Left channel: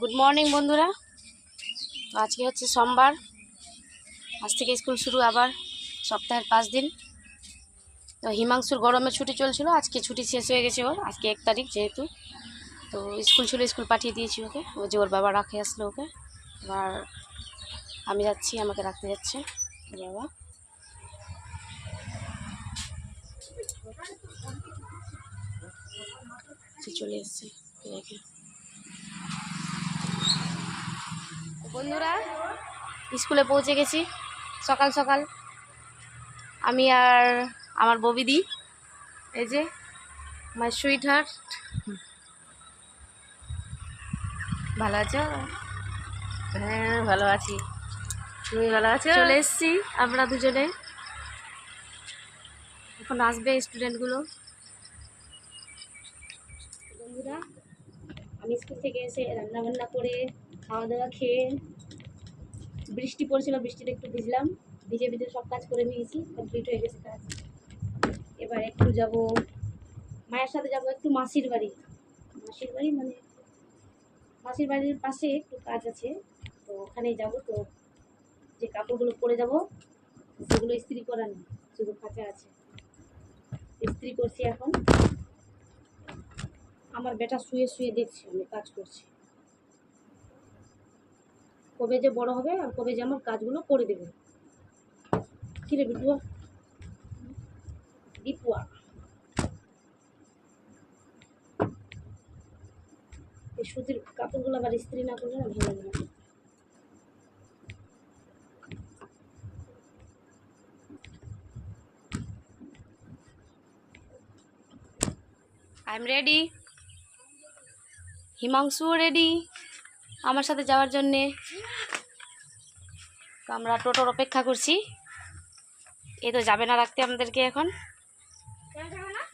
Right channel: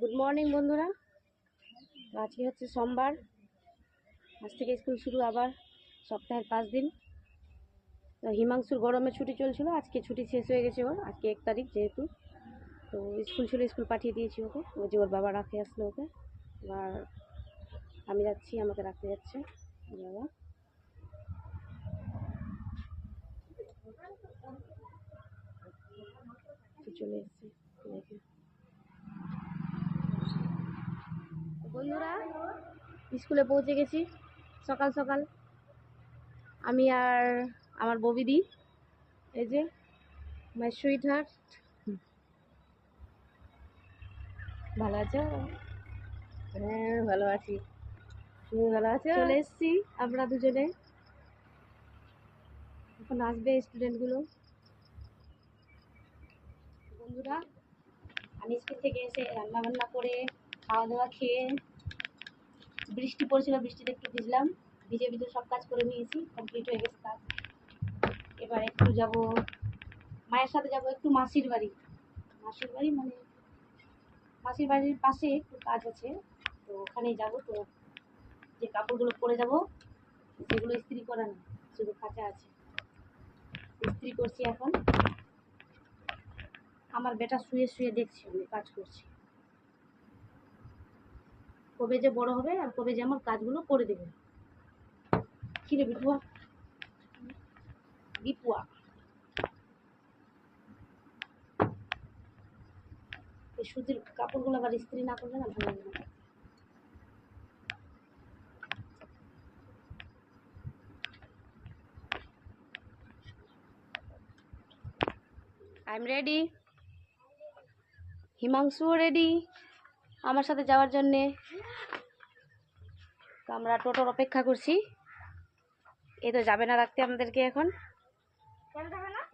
Good morning বন্ধুরা। তো আজকে হচ্ছে সোমবার, আজ থেকে স্কুল শুরু আবার সপ্তাহের 5 দিন। তো হিমাংশুর গরমের ছুটি চলছিল, আজকে ছুটি শেষ হয়ে গেছে ওর, আজকে 1 তারিখ যেহেতু। তো স্কুল ছিল, স্কুল পাঠিয়ে দিয়েছি ওকে, ও যে ওর বাবা রাখে আসলো ওকে। এবার আমি যাচ্ছি, আমাকে রাখতে যাচ্ছে বাবা। চলে এসছে রেখে। বন্ধুরা স্কুলে পৌঁছে গেছি সকাল সকাল, আমি আর আমার ববিদি, এই যে মাই সুইট হার্ট। ভালো আছো? হ্যাঁ ভালো আছি, তুমি ভালো আছো? চলে এসছি আমরা দুজনে, এখন আসবে স্টুডেন্টগুলো। বন্ধুরা আমি স্কুল থেকে এসে রান্না বান্না করে খাওয়া দাওয়া খেয়ে, বৃষ্টি পড়ছিল, বৃষ্টিতে একটু ভিজলাম, ভিজে ভিজে সব কাজ করে নিয়েছি, কমপ্লিট হয়ে গেছে কাজ। এবার একটু যাব মায়ের সাথে, যাব একটু মাসির বাড়ি। মাসির বাড়ি মানে মাসির বাড়ির পাশে একটু কাজ আছে, তো ওখানেই যাব। তো যে কাপড়গুলো পরে যাব সেগুলো ইস্ত্রি করা নেই, শুধু কাঁচা আছে, ইস্ত্রি করছি এখন। আমার বেটা শুয়ে শুয়ে দেখছি আমি কাজ করছি, কবে যে বড় হবে আর কবে যে আমার কাজগুলো করে দেবে। কি রে বিপুয়া, বিপুয়া এই সুতির কাপড়গুলো আবার ইস্ত্রি না করলে না ভালো লাগে না। আই এম রেডি, হিমাংশুও রেডি আমার সাথে যাওয়ার জন্যে। তো আমরা টোটোর অপেক্ষা করছি, এই তো যাবে না রাখতে আমাদেরকে, এখন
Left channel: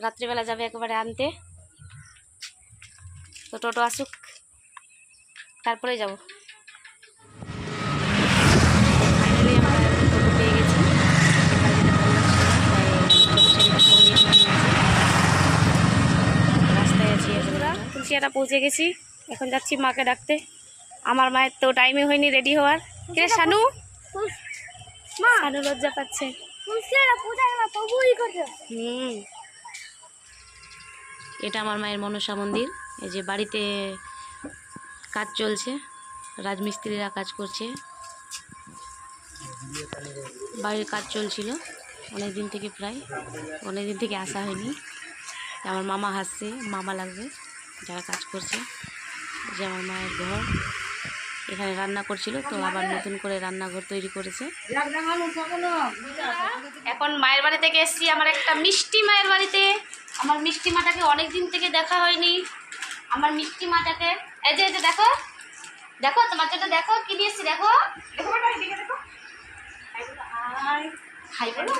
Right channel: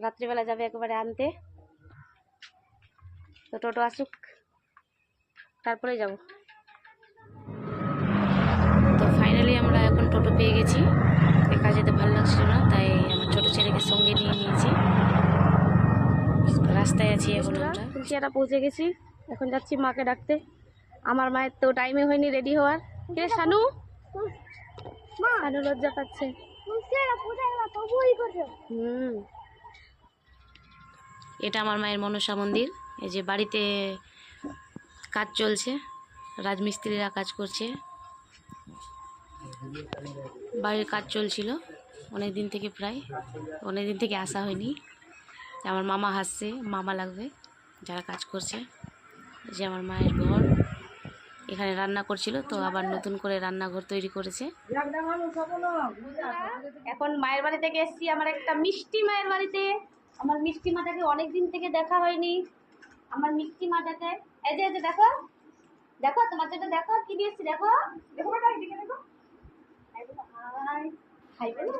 রাত্রিবেলা যাবে একেবারে আনতে। তো টোটো আসুক তারপরে যাব। তো ফাইনালি আমরা এখন টোটো পেয়ে গেছি, একা যেতে ভালো লাগছে না, তাই ছোটো ছেলেকে সঙ্গে নিয়ে নিয়েছি, রাস্তায় আছি এখন। কুলচিয়াটা পৌঁছে গেছি, এখন যাচ্ছি মাকে ডাকতে। আমার মায়ের তো টাইমে হয়নি রেডি হওয়ার। কে শানু? শানু লজ্জা পাচ্ছে। এটা আমার মায়ের মনসা মন্দির। এই যে বাড়িতে কাজ চলছে, রাজমিস্ত্রিরা কাজ করছে, বাড়ির কাজ চলছিল অনেক দিন থেকে, প্রায় অনেক দিন থেকে আসা হয়নি। আমার মামা হাসছে, মামা লাগবে যারা কাজ করছে। যে আমার মায়ের ঘর, এখানে রান্না করছিল, তো আবার নতুন করে রান্নাঘর তৈরি করেছে। এখন মায়ের বাড়ি থেকে এসেছি, আমার একটা মিষ্টি মায়ের বাড়িতে। আমার মিষ্টি মাটাকে অনেক দিন থেকে দেখা হয়নি, আমার মিষ্টি মাটাকে। এই যে দেখো দেখো, তোমার জন্য দেখো কি দিয়েছি, দেখো দেখো, হাই বলো,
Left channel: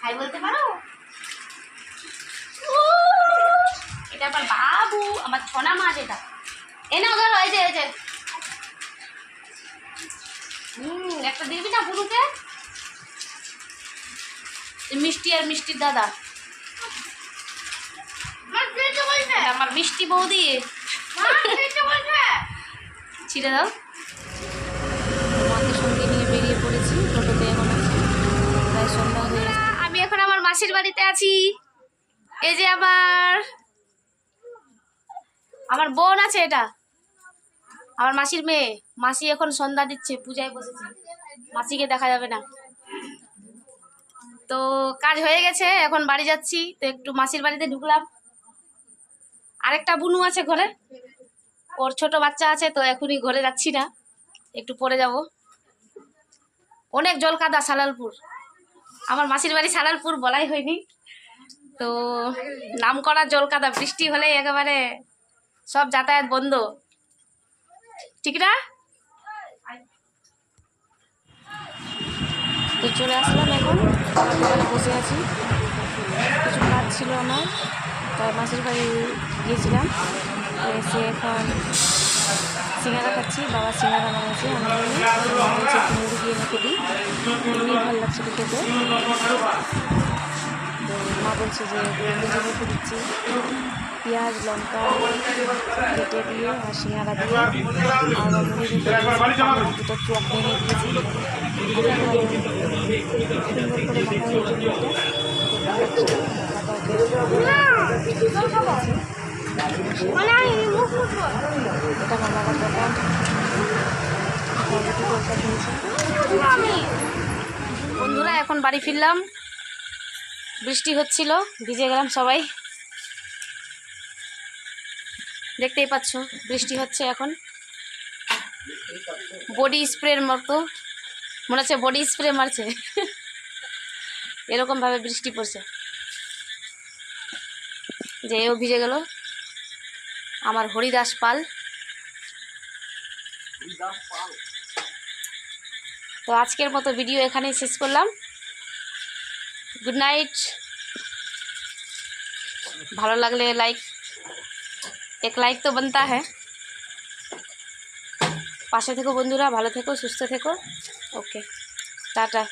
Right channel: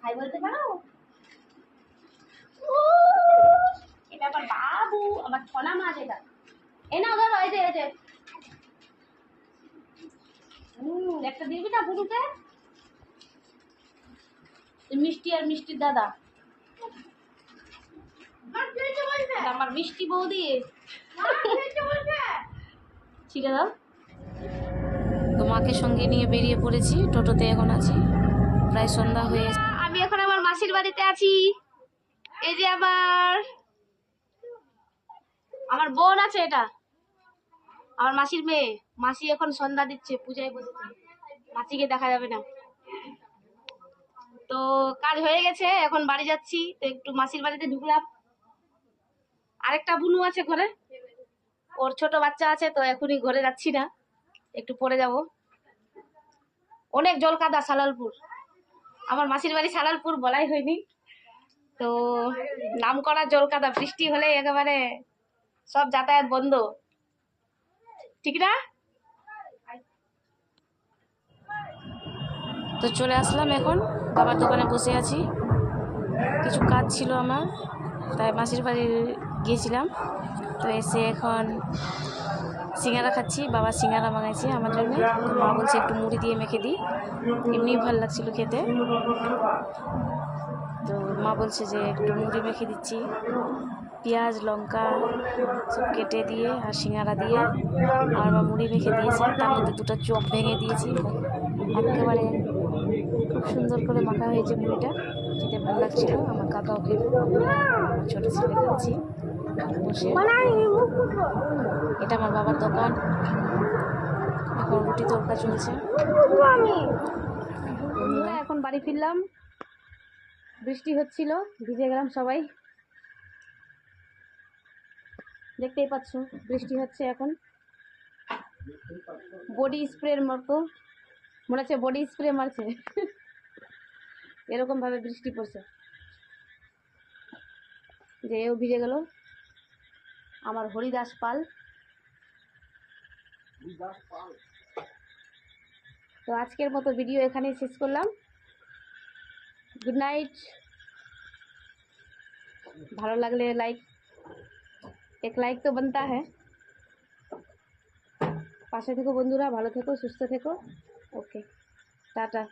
হাই বলতে পারো? এটা আমার বাবু, আমার ছনা মাছ এটা। এ না ধরো, এই যে এই যে একটা দিবি না বুড়ুকে? মিষ্টি আর মিষ্টির দাদা, আমার মিষ্টি বৌদি, ছিঁড়ে দাও। তো মাকে সঙ্গে নিয়ে বেরিয়ে পড়েছি, টোটোতে এখন আছে, প্রায় সন্ধ্যা হয়ে। আমি এখন আমার মাসির বাড়িতে আছি। এই যে আমার বোন আছে, এটা আমার মাসির মেয়ে। মাসি এখন সন্ধ্যা দিচ্ছে, পূজায় বসেছে, মাসিকে দেখা যাবে না। তো কাজ হয়ে গেছে, এখন বাড়ি যাচ্ছি। তো একটু মাসির বাড়িতে ঢুকলাম, আরেকটা বুনু আছে ঘরে, ওর ছোট বাচ্চা আছে, তো এখনই ঘরে যাচ্ছি না, একটু পরে যাব। অনেক জল কাদা সালালপুর, আমার মাসির বাড়ি সালালপুর বলাই হয়নি, তো নাম করা জল কাদা, বৃষ্টি হলে একেবারে সব যাতায়াত বন্ধ, ঠিক না? তো চলে আসলাম, এখন বাবার দোকানে বসে আছি, কিছু কাজ ছিল আমার, তাই মাসির বাড়ি গিয়েছিলাম। তো এসে এখন সিঙ্গারা খাচ্ছি, বাবা সিঙ্গারা বানাইছে আমার জন্য, মা বলছে একটু মুড়ি দিয়ে মেখে দিই, এমনি ভালো লাগছিল খেতে। তো মা বলছে যে মুড়ি মেখে দিচ্ছি, পেঁয়াজ লঙ্কা সব কেটে দিয়ে আর সিঙ্গারা দিয়ে আর মুড়ি রেখে দিয়েছি, পানির দুটো চোখ ভেঙে দিয়েছি, একেবারে সুন্দর করে মাখা হয়েছে মুড়িটা, খেতে ভালো লাগছিল। আমার কাকাকে দিয়েছি। এটা আমার বাবার দোকান, রুটি তরকা চলছে। বন্ধুরা এখন বাড়ি ফিরলাম, বৃষ্টি হচ্ছিল, ভিজে গেলাম সবাই, দেখতেই পাচ্ছ বৃষ্টি হচ্ছে এখন। বডি স্প্রের মতো মনে হচ্ছে বডি স্প্রে মারছে এরকম ভাবে বৃষ্টি পড়ছে যে এও ভিজে গেল। আমার হরিদাস পাল। তো আজকের মতো ভিডিও এখানেই শেষ করলাম। Good night. ভালো লাগলে লাইক, এক লাইক তো बनता है। পাশে থেকো বন্ধুরা, ভালো থেকো, সুস্থ থেকো। ওকে, টাটা।